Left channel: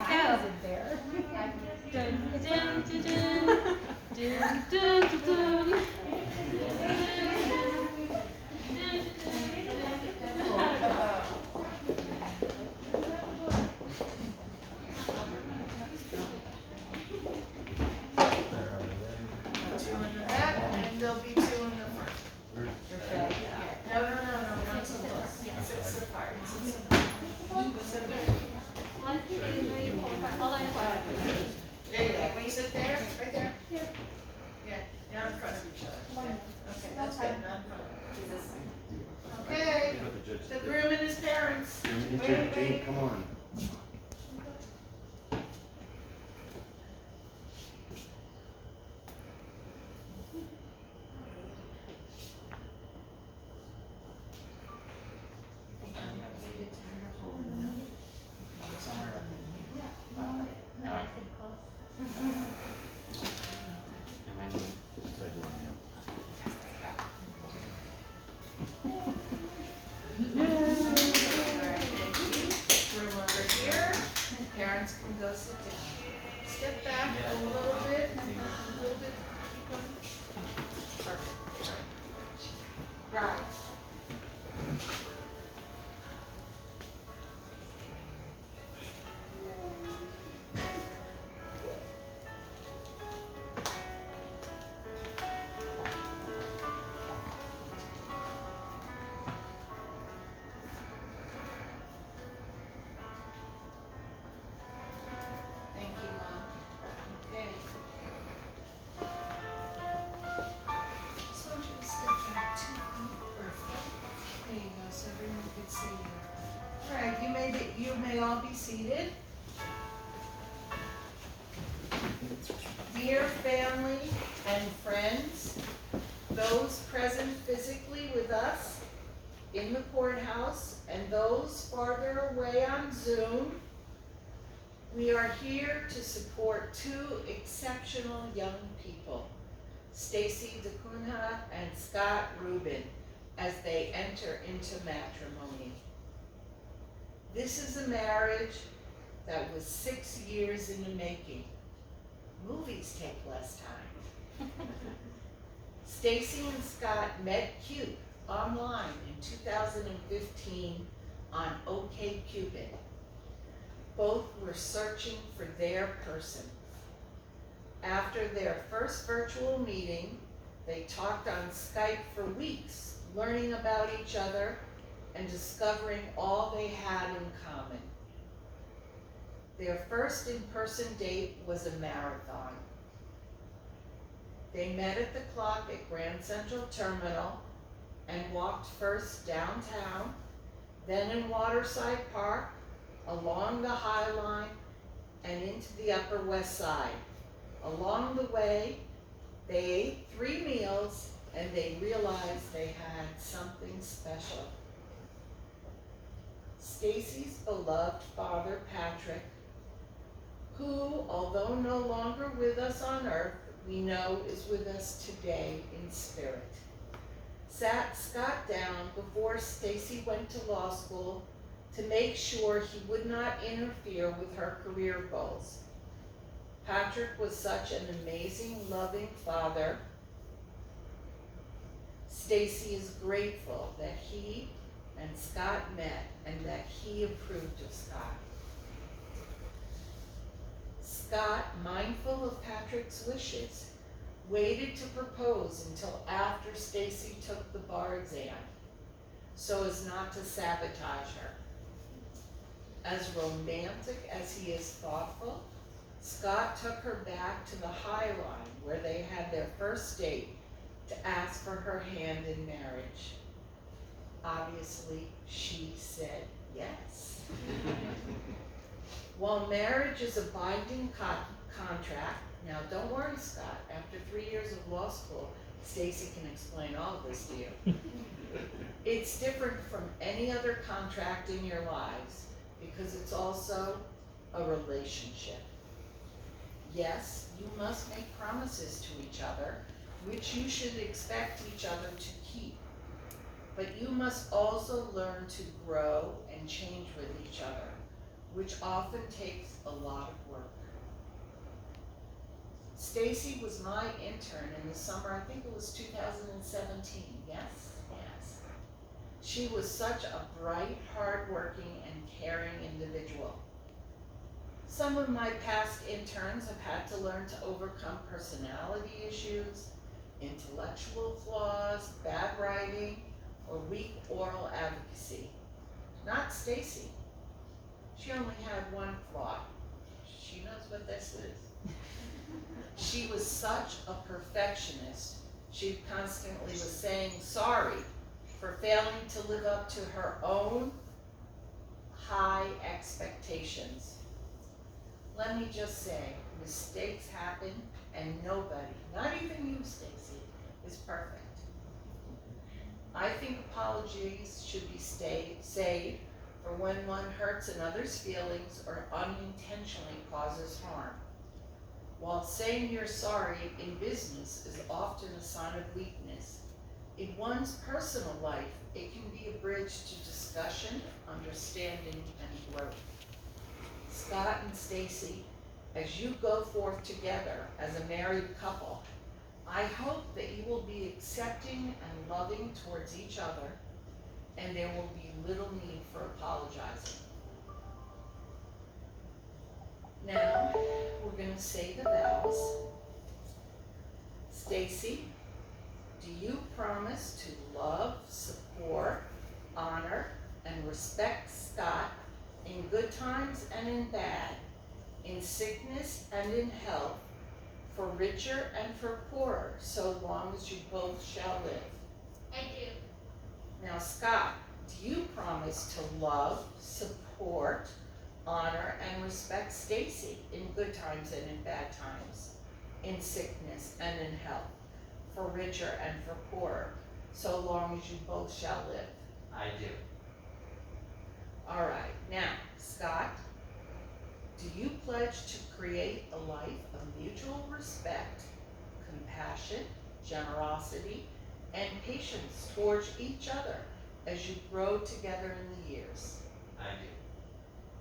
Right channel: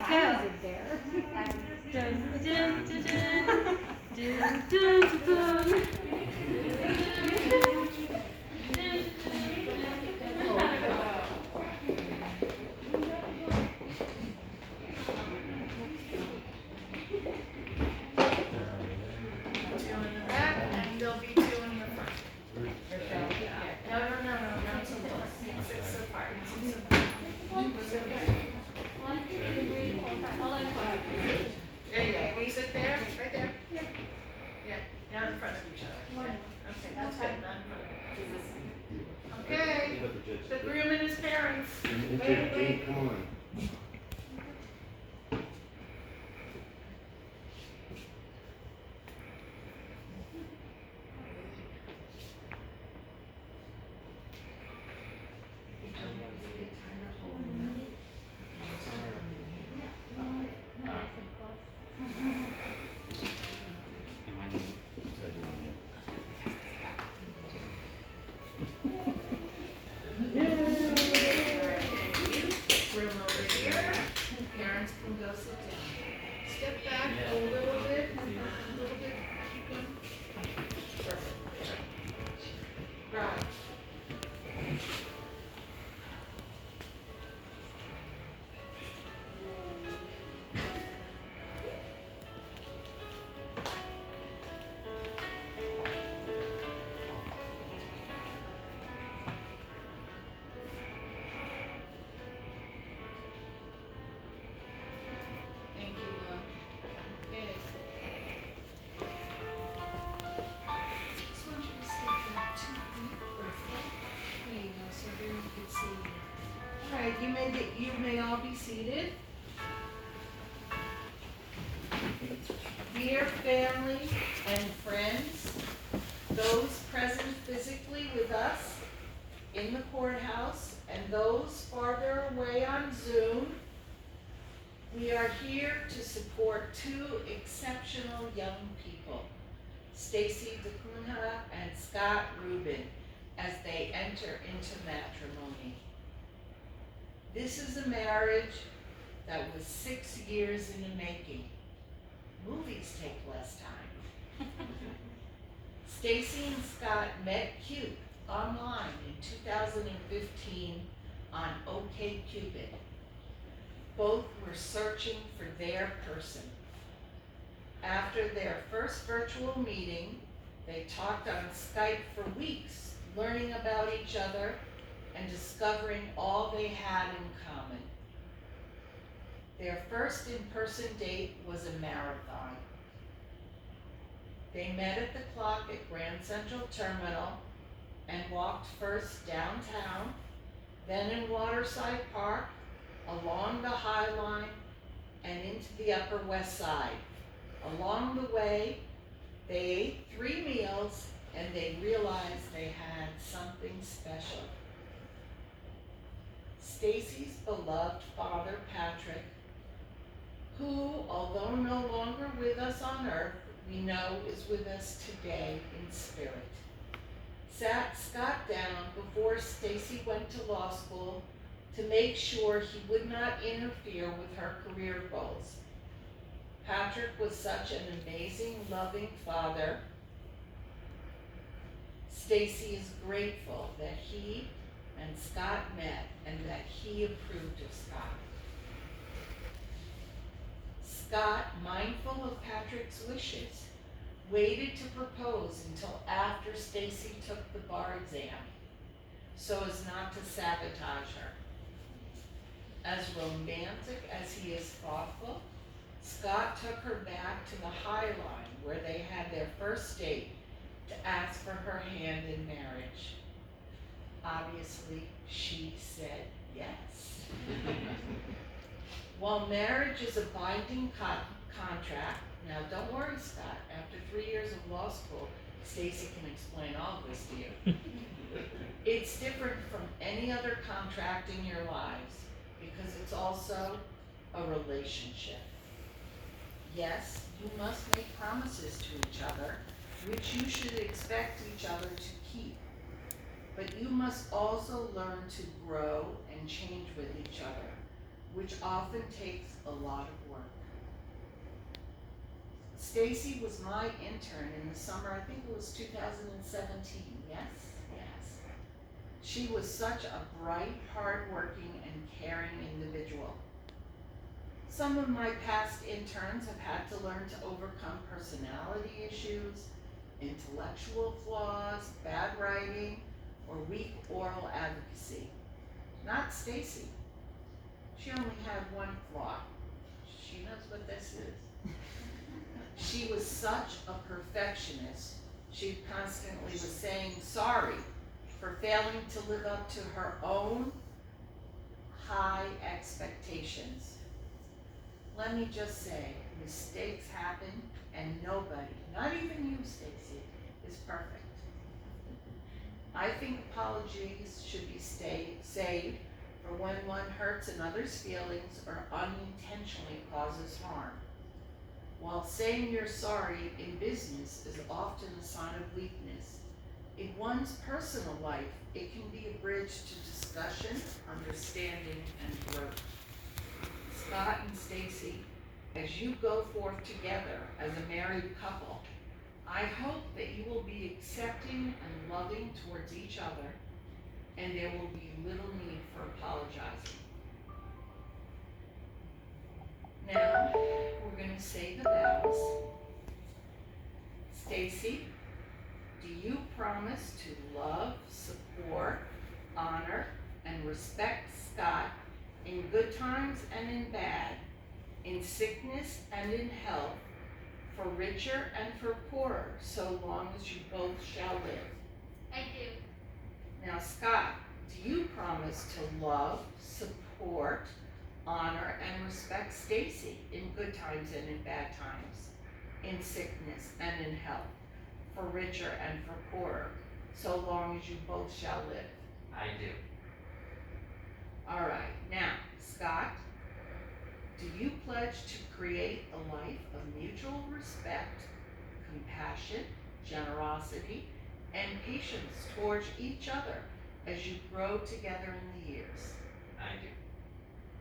I wasn't there. Dun, dun, dun, dun. Dun, dun, dun, dun. Two in the back, and there'll be two in the front. No, no, no, no, not so close. Six apart. There you go. Will you sit there? Right there? Yeah, not in front of each other. Okay, that's good. Not in front of. Okay, the groom and his parents. Wait. Come on. Room over here. Parents can go sit down. Step back a little bit. Perfect. Right. Thank you, Mom. Okay. Just want you to step back 2 feet. Perfect. There you go, so everyone can see you. All right, you may all be seated. Dear family and friends, those present physically with us in the courthouse and those farther away on Zoom, we are here to support two exceptional young people, Stacy DeCunha and Scott Rubin, as they enter into matrimony. This is a marriage that was 6 years in the making. Movies take less time. Stacy and Scott met Cute online in 2015 on OkCupid. Both were searching for their person. After their first virtual meeting, they talked on Skype for weeks, learning about each other and discovering all they had in common. Their first in-person date was a marathon. They met at the clock at Grand Central Terminal and walked first downtown, then in Waterside Park, along the High Line, and into the Upper West Side. Along the way, they ate 3 meals and they realized they had something special. Stacy's beloved father, Patrick, who, although no longer with us on earth, we know is with us today in spirit, sat Scott down before Stacy went to law school to make sure he would not interfere with her career goals. Patrick was such an amazing, loving father. Stacy is grateful that he and Scott met and that he approved of Scott. Scott, mindful of Patrick's wishes, waited to propose until after Stacy took the bar exam, so as not to sabotage her. As romantic as he is thoughtful, Scott took her back to the High Line where they had their first date to ask for her hand in marriage. Obviously, she said yes. While marriage is a binding contract, now don't worry, Scott, after 3 years of law school, Stacy can explain all of this to you. It's different from any other contract in your lives because it's also a relationship. Yes, you must make promises to each other, which you should expect each other to keep. But you must also learn to grow and change with each other, which often takes a lot of work. Stacy was my intern in the summer, I think it was 2017, yes? Yes. She was such a bright, hardworking, and caring individual. Some of my past interns have had to learn to overcome personality issues, intellectual flaws, bad writing, or weak oral advocacy. Not Stacy. She only had one flaw. She knows what this is. She was such a perfectionist. She constantly was saying sorry for failing to live up to her own high expectations. Let me just say, mistakes happen, and nobody, not even you, Stacy, is perfect. I think apologies should be saved for when one hurts another's feelings or unintentionally causes harm. While saying you're sorry in business is often a sign of weakness, in one's personal life, it can be a bridge to discussion, understanding, and growth. Scott and Stacy, as you go forth together as a married couple, I hope that you will be accepting and loving towards each other, and there will be little need for apologizing. Now, we're going to say the vows. Stacy, do you promise to love, support, honor, and respect Scott in good times and in bad, in sickness and in health, for richer and for poorer, so long as you both shall live? I do. Now, Scott, do you promise to love, support, honor, and respect Stacy in good times and in bad times, in sickness and in health, for richer and for poorer, so long as you both shall live? I do. All right, now, Scott, do you pledge to create a life of mutual respect, compassion, generosity, and patience towards each other as you grow together in the years? I do.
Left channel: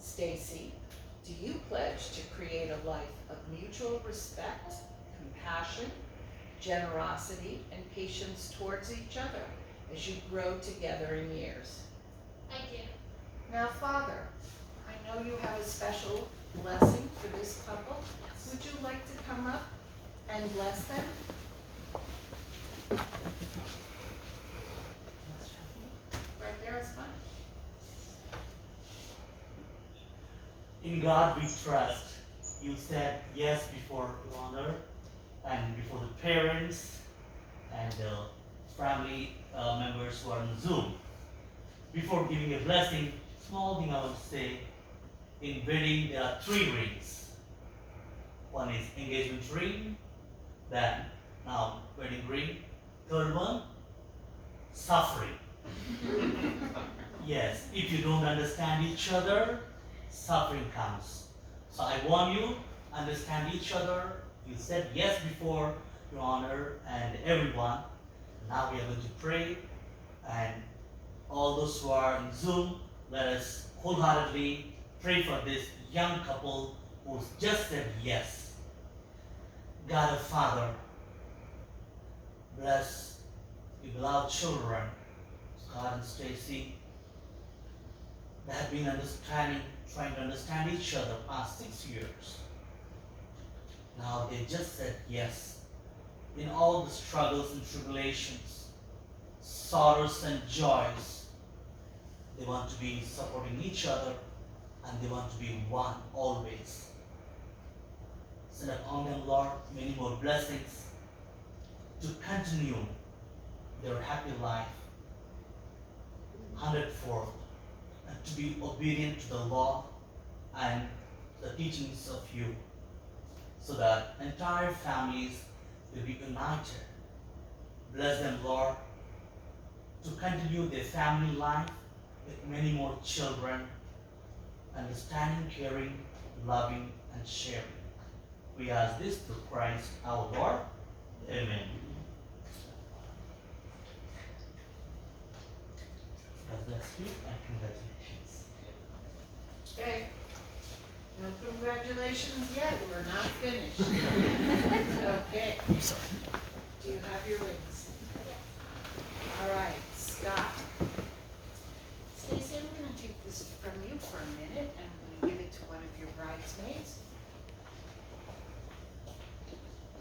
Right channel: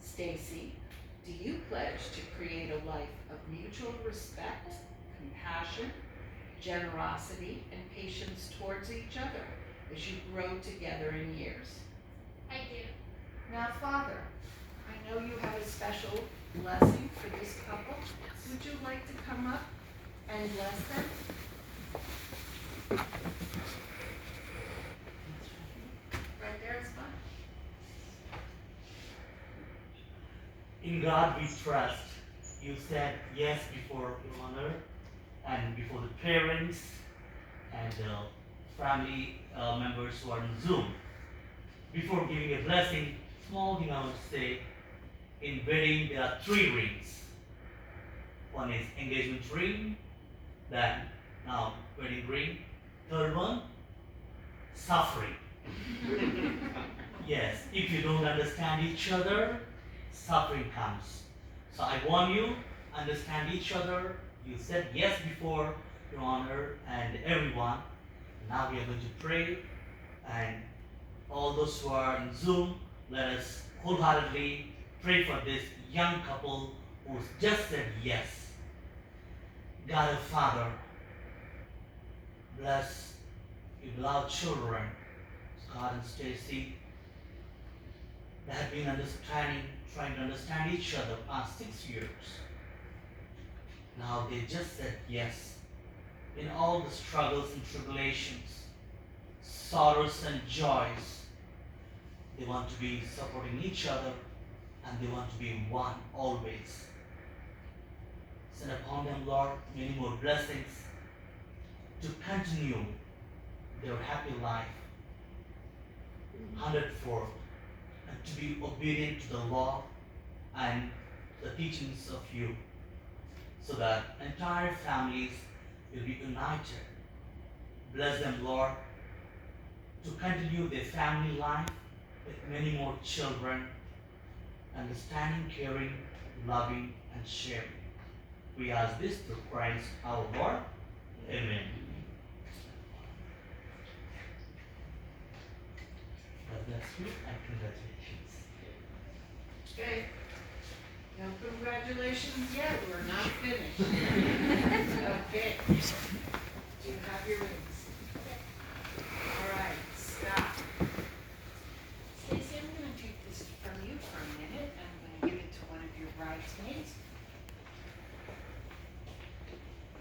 Stacy, do you pledge to create a life of mutual respect, compassion, generosity, and patience towards each other as you grow together in years? I do. Now, Father, I know you have a special blessing for this couple. Would you like to come up and bless them? Right there is fine. In God we trust. You said yes before Your Honor and before the parents and family members who are on Zoom. Before giving a blessing, small thing I would say, in wedding there are 3 rings. One is engagement ring, then now wedding ring. Third one, suffering. Yes, if you don't understand each other, suffering comes. So I want you to understand each other. You said yes before, Your Honor, and everyone. Now we are going to pray, and all those who are in Zoom, let us wholeheartedly pray for this young couple who just said yes. God of Father, bless your beloved children, Scott and Stacy. They have been trying to understand each other past 6 years. Now they just said yes. In all the struggles and tribulations, sorrows and joys, they want to be supporting each other, and they want to be one always. Send upon them, Lord, many more blessings to continue their happy life 100-fold, and to be obedient to the law and the teachings of you, so that entire families will be united. Bless them, Lord, to continue their family life with many more children, understanding, caring, loving, and sharing. We ask this through Christ our Lord. Amen. God bless you and congratulations. Okay. No congratulations yet, we're not finished. Okay. Do you have your rings? All right, Scott. Stacy, I'm gonna take this from you for a minute, and I'm gonna give it to one of your bridesmaids.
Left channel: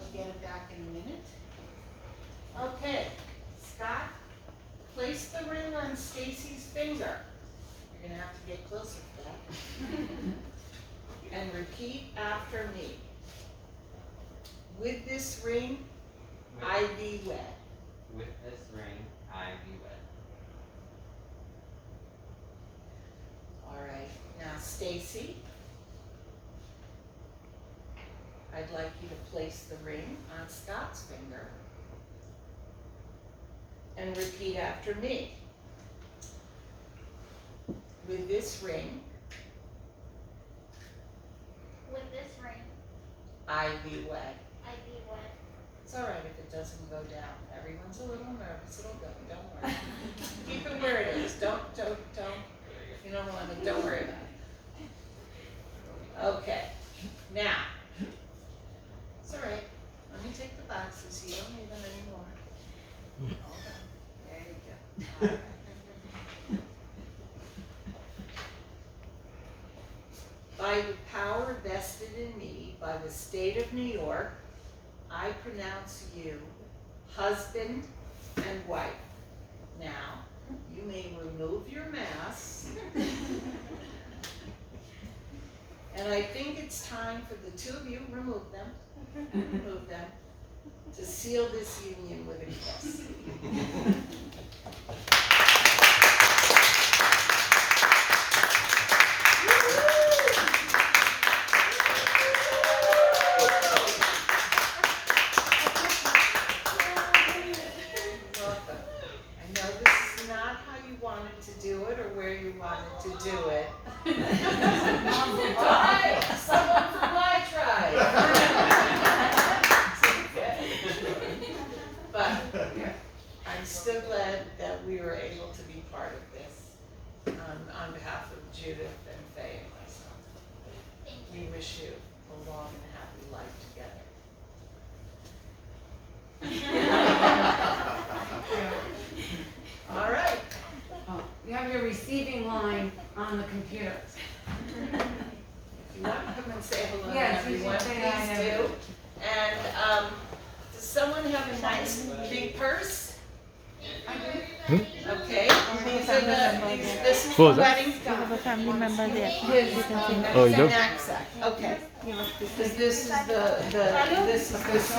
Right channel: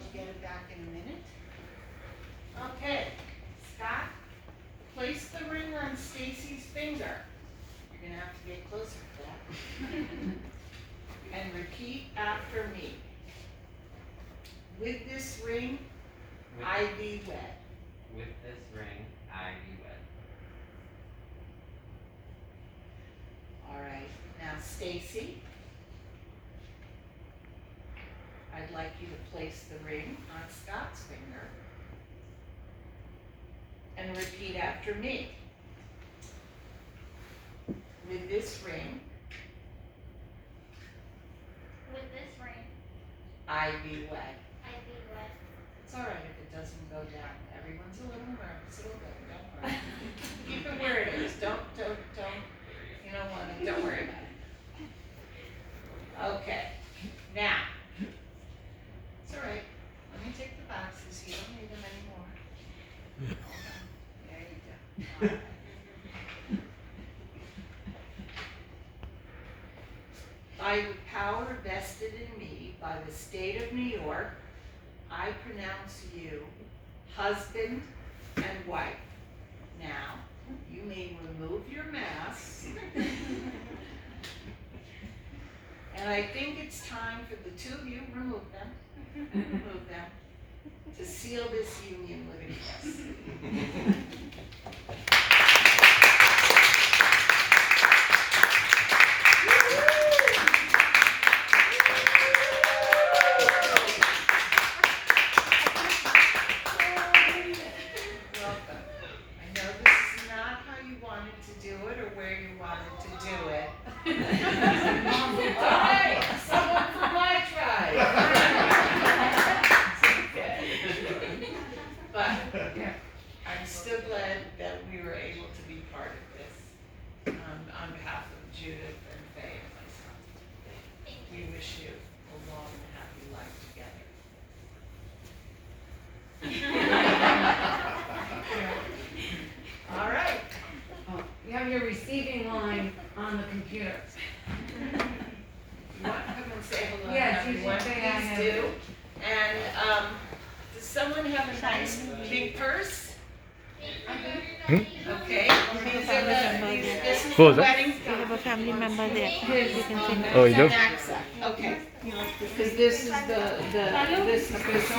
I'll get it back in a minute. Okay, Scott, place the ring on Stacy's finger. You're gonna have to get closer to that. And repeat after me. With this ring, With, I thee wed. with this ring, I be wed. All right, now Stacy, I'd like you to place the ring on Scott's finger and repeat after me. With this ring, With this ring, I thee wed. I be wed. It's all right if it doesn't go down. Everyone's a little nervous. It'll go. Don't worry. Keep it where it is. Don't. You don't want to. Don't worry about it. Okay. Now. It's all right. Let me take the boxes. You don't need them anymore. There you go. All right. By the power vested in me by the state of New York, I pronounce you husband and wife. Now, you may remove your masks. And I think it's time for the two of you, remove them, to seal this union with a kiss. I'm still glad that we were able to be part of this, on behalf of Judith and Faye and myself. We wish you a long and happy life together. All right. Oh, you have your receiving line on the computer. You want to come and say hello to Yes, you everyone, should say hi please to do. And, does someone have a nice big purse? Okay, these are this is Who the was that? wedding. We have a family member there. You can see Oh, you do? Knapsack. Okay, because this is this is